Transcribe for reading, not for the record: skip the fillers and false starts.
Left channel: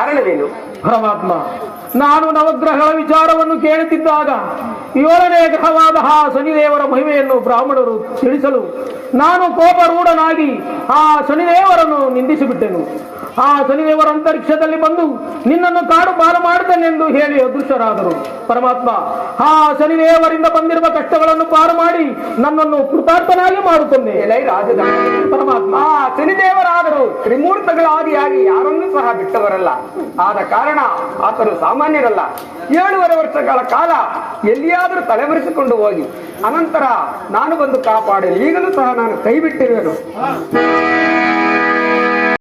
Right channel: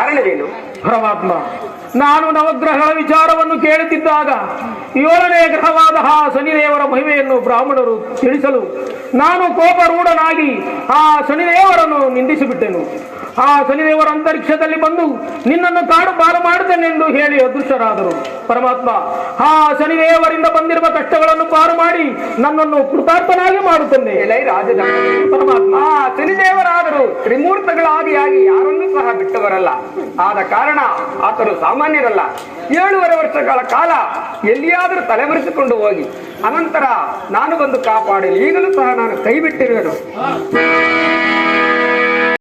ಕಾರಣವೇನು? ಪರಮಾತ್ಮ, ನಾನು ನವಗ್ರಹಗಳ ವಿಚಾರವನ್ನು ಕೇಳುತ್ತಿದ್ದಾಗ 7ನೇ ಗ್ರಹವಾದ ಆ ಶನಿದೇವರ ಮಹಿಮೆಯನ್ನು ಬ್ರಾಹ್ಮಣರು ತಿಳಿಸಲು ನಾನು ಕೋಪರೂಢನಾಗಿ ಆ ಶನಿದೇವರನ್ನು ನಿಂದಿಸಿಬಿಟ್ಟೆನು. ಆ ಶನಿದೇವರ ಅಂತರಿಕ್ಷದಲ್ಲಿ ಬಂದು ನಿನ್ನನ್ನು ಕಾಡು ಪಾಲು ಮಾಡುತ್ತೇನೆಂದು ಹೇಳಿ ಅದೃಶ್ಯರಾದರು. ಪರಮಾತ್ಮ, ಆ ಶನಿದೇವರಿಂದ ಬಂದಿರುವ ಕಷ್ಟಗಳನ್ನು ಪಾರು ಮಾಡಿ ನನ್ನನ್ನು ಕೃತಾರ್ಥನಾಗಿ ಮಾಡುತ್ತೇನೆ. ಪರಮಾತ್ಮ, ಆ ಶನಿದೇವರಾದರು ತ್ರಿಮೂರ್ತಗಳಾದಿಯಾಗಿ ಯಾರನ್ನೂ ಸಹ ಬಿಟ್ಟವರಲ್ಲ. ಆದ ಕಾರಣ ಆತನು ಸಾಮಾನ್ಯರಲ್ಲ. 7.5 ವರ್ಷಗಳ ಕಾಲ ಎಲ್ಲಿಯಾದರೂ ತಲೆಮರೆಸಿಕೊಂಡು ಹೋಗಿ ಅನಂತರ ನಾನು ಬಂದು ಕಾಪಾಡಲಿ. ಈಗಲೂ ಸಹ ನಾನು ಕೈ ಬಿಟ್ಟಿರುವೆನು.